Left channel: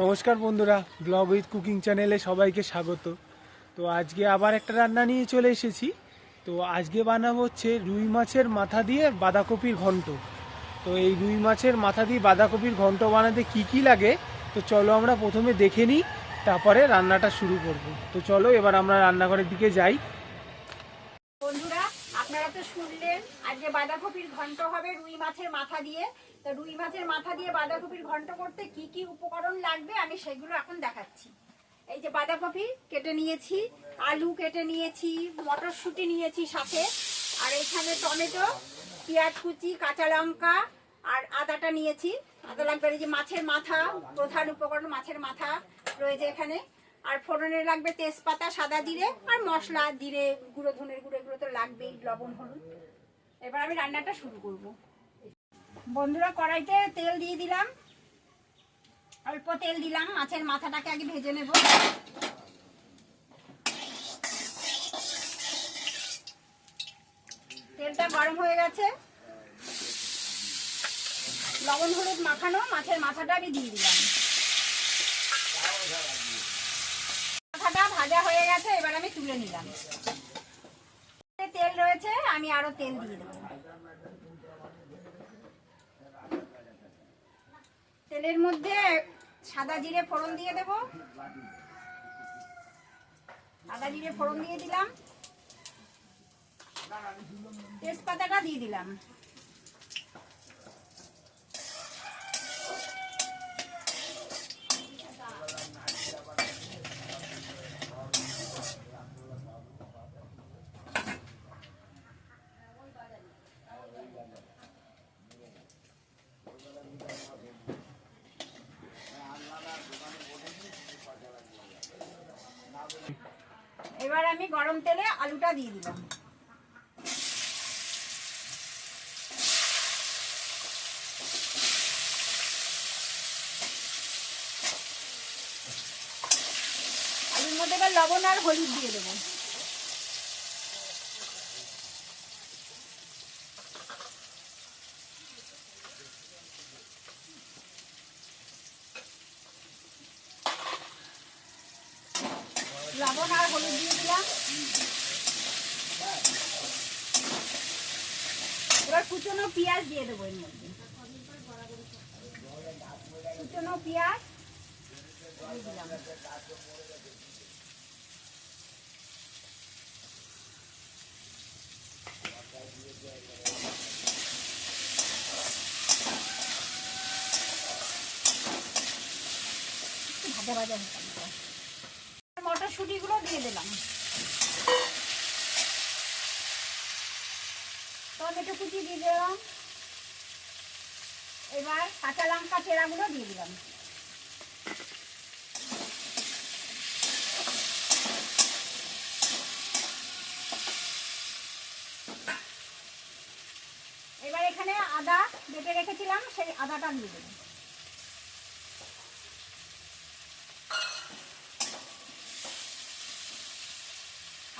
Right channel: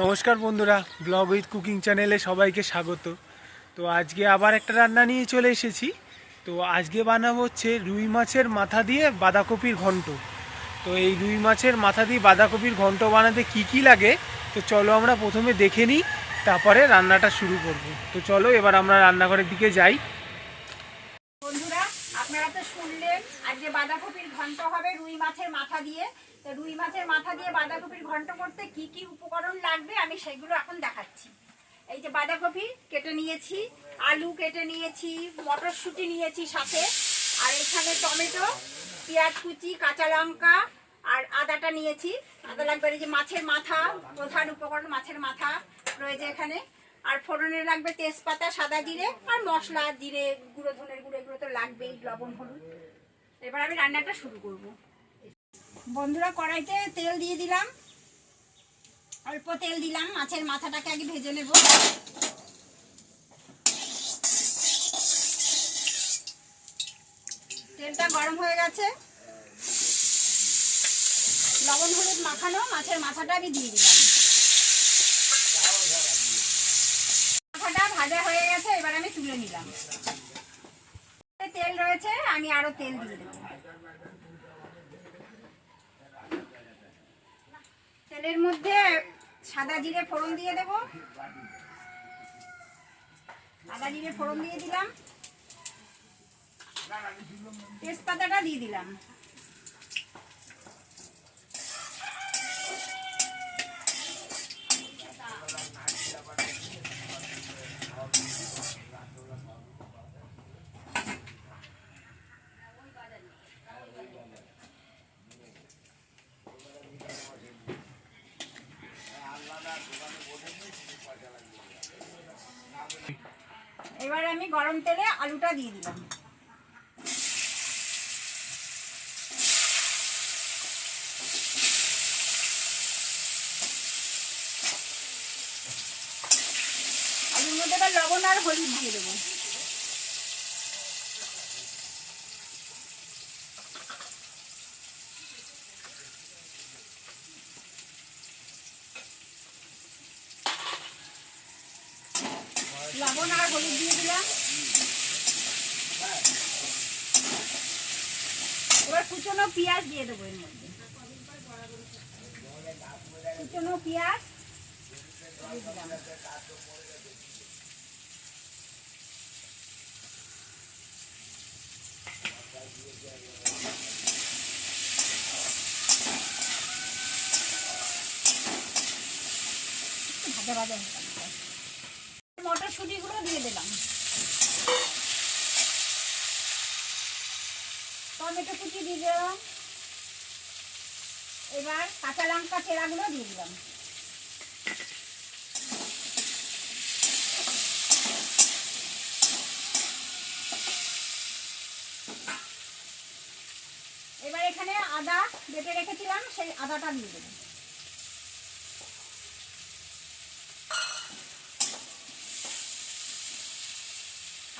নমস্কার বন্ধুরা, blog with cooking চ্যানেলে সবাইকে স্বাগত। তো আজকে আবার একটা রান্না নিয়ে চলে এসেছি। তো আজকে বানাবো হচ্ছে রুই মাছের মাথা দিয়ে বাঁধাকপির ঘন্ট। তো এই রুই মাছের মাথা দিয়ে বাঁধাকপির ঘন্ট বানাতে কি কি লাগে, তো চলো আমরা প্রথমে দেখে নিই, তারপরে রান্নাটা শুরু করব। তো চলো এবার আমরা রান্নাঘরের দিকে যাই। বন্ধুরা, আপনারা তো শুনলেন আজকে বাঁধাকপির ঘন্ট হবে রুই মাছের মাথা দিয়ে। তো রুই মাছের মাথা দিয়ে বাঁধাকপির ঘন্ট করতে কি কি উপকরণ লাগবে আমি সেগুলো এখন দেখাচ্ছি। এই যে বাঁধাকপি কেটে নিয়েছি, আলু কেটে নিয়েছি, মটরশুঁটি নিয়েছি সাথে, আর এখানে টমেটো, পেঁয়াজ কুচি, কাঁচা লঙ্কা আর আদাটা নিয়েছি। আদা লাগবে। এই যে মাছের মাথা, প্রধান উপকরণ মাছের মাথা রয়েছে এখানে। আর ফোড়নে লাগবে তেজপাতা, সাদা জিরে আর মশলা, জিরে গুঁড়ো, ধনের গুঁড়ো, এগুলো তো লাগবেই, লবণ, হলুদ। এবার আমি রান্নাটা শুরু করব। বন্ধুরা, কড়াইতে তেল দিয়ে দিলাম, অল্প তেল দিলাম। মাছের মাথাটাকে আগে ভেজে নেব। তেলটা গরম হয়ে গেছে। লবণ হলুদ মাখানো মাছের মাথাটা আমি দিয়ে দিলাম। মাথাটা ভাজা হয়ে গেছে, এবার আমি তুলে নিলাম। তেল রয়েছে, আমি আরো তেল দিয়ে দেব। তেলের মধ্যে সাদা জিরে ফোড়ন দিয়ে দেব। আদা জিরে ফোড়ন দিয়ে দিলাম, তেজপাতাটা দিয়ে দিলাম। এবার আমি গরম তেলে আলুটা দিয়ে দিলাম। আলুর মধ্যে এবার লবণ আর হলুদ দিয়ে দেবো। লবণ আর হলুদ দিয়ে দিলাম। এবার কুচনো পেঁয়াজ দিয়ে দেবো এর মধ্যে। কুচনো পেঁয়াজ দিয়ে দিলাম। ভাজা ভাজা মটরশুঁটিগুলো দিয়ে দিলাম। টমেটো কুচি দিয়ে দিলাম। এবার কাঁচা লঙ্কা চেরাগুলো দিয়ে দিলাম। এবার এখানে আদা বেটে রেখেছিলাম, সেই আদাটা দিয়ে দেবো।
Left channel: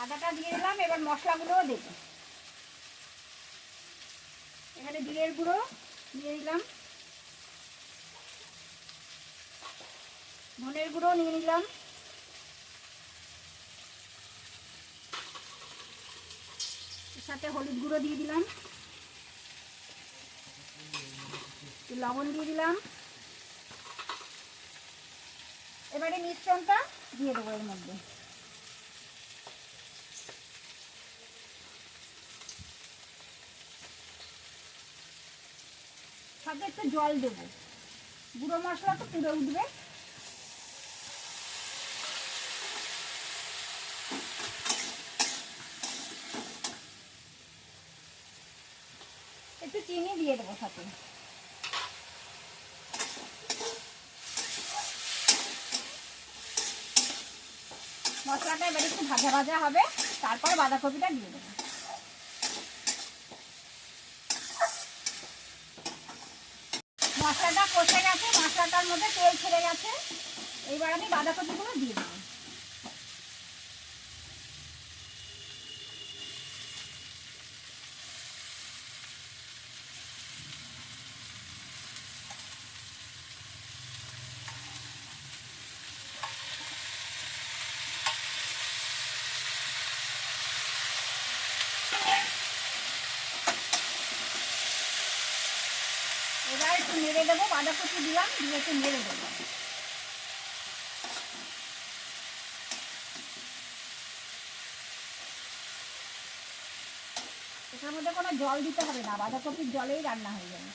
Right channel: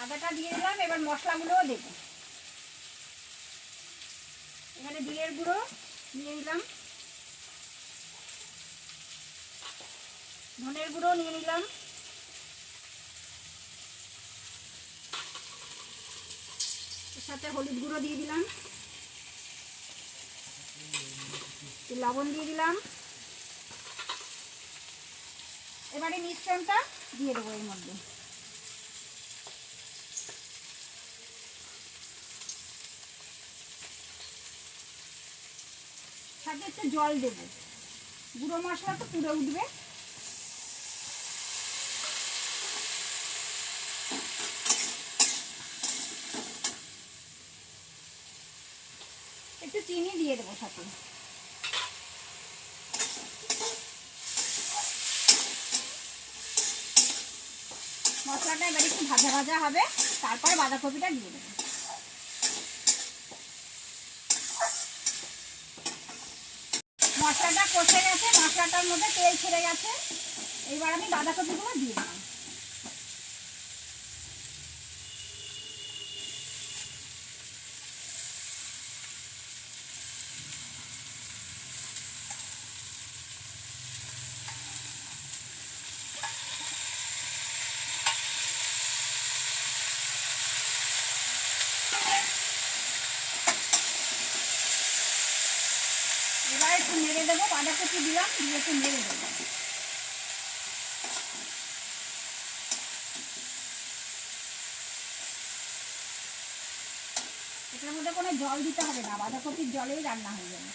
আদাটা দিয়ে দিলাম। এবার মশলাগুলোও দেব। এখানে জিরের গুঁড়ো দিয়ে দিলাম, ধনের গুঁড়ো নিয়ে নিলাম, এর সাথে হলুদ গুঁড়ো দিয়ে দিলাম, লবণ দিয়ে দিলাম। এবারে মিশ্রণটা দিয়ে দেবো এর মধ্যে। সাথে একটু জল দেবো, গুঁড়ো মশলা তো পুড়ে উঠবে। একটু চিনি দিয়ে দেবো সাথে। মশলাটা এবার একটু ভাজা ভাজা হবে, তারপর বাঁধাকপিটা দিয়ে দেবো। মশলাটা কষে গেছে, মশলাটার মধ্যে তেল ছেড়ে গেছে। এইবার আমি বাঁধাকপিগুলো দিয়ে দেবো। এবার একটু নেড়ে দেবো, বাঁধাকপি দিলাম, দিয়ে একটু নেড়ে দেবো। এটার মধ্যে কোনো জল দিতে হবে না, বাঁধাকপির জলেই রান্না হয়ে যাবে।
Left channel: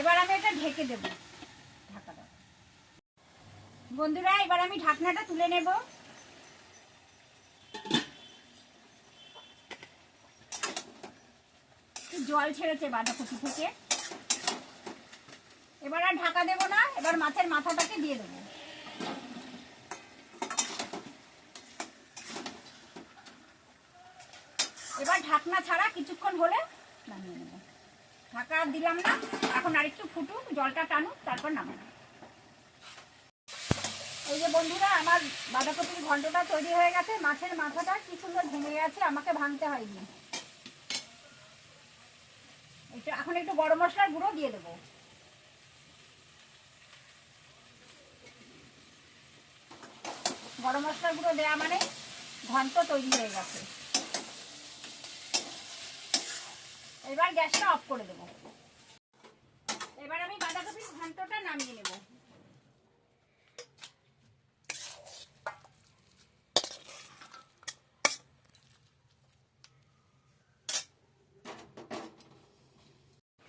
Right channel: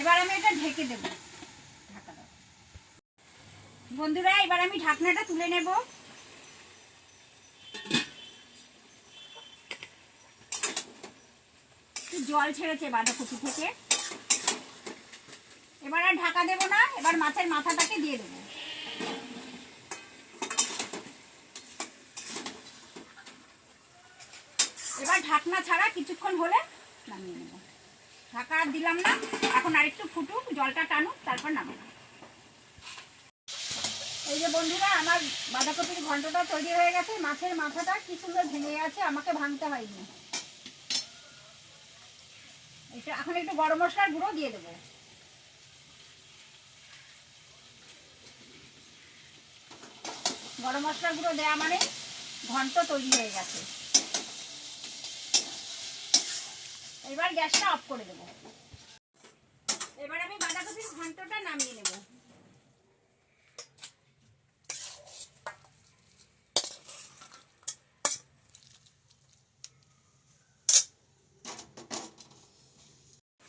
এবার আমি এটা ঢেকে দেব, ঢাকা দাও। বন্ধুরা, এবার আমি ঢাকনাটা তুলে নেব। জল ছেড়েছে বাঁধাকপি থেকে। এবার আর ঢাকা দেব না, এবার মাছের মাথাটাকে দিয়ে দেব। এবার ঢাকনা ছাড়া কিছুক্ষণ হলে নামিয়ে নেব। ঢাকা আর দিলাম না, এখন আরেকটু ফুটুক, জলটা টানুক, তারপর নামাবো। এই যে বন্ধুরা, আমার বাঁধাকপির ঘন্টটা তৈরি হয়ে গেছে। মাছের মাথাটা কি সুন্দর ভেঙে গেছে, আমাকে ভাঙতে হয়নি। এটা এখন একটু গরম মশলার গুঁড়ো দিয়ে দেবো। গরম মশলার গুঁড়ো দেওয়া মানে ঘন্ট তৈরি হয়ে গেছে। এবার গ্যাসটা অফ করে দেবো। এবার আমি বাঁধাকপির ঘন্টটা নামিয়ে নেব।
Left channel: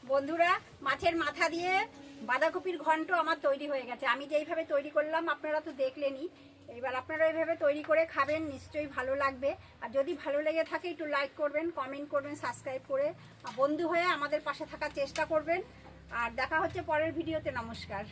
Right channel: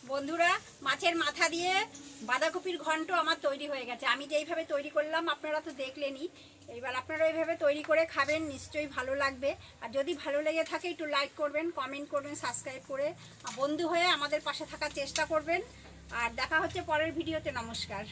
বন্ধুরা, মাছের মাথা দিয়ে বাঁধাকপির ঘন্ট আমার তৈরি হয়ে গেছে। আমি যেইভাবে তৈরি করলাম আপনারা তো দেখলেনই। এবার আপনারা এইভাবে তৈরি করে খাবেন, নিশ্চয়ই ভালো লাগবে। আর যদি ভালো লেগে থাকে একটু লাইক করবেন, কমেন্ট করবেন, সাবস্ক্রাইব করে বন্ধু হয়ে আমাদের পাশে থাকার চেষ্টা করবেন। আর দেখা হচ্ছে পরের ভিডিওতে। নমস্কার।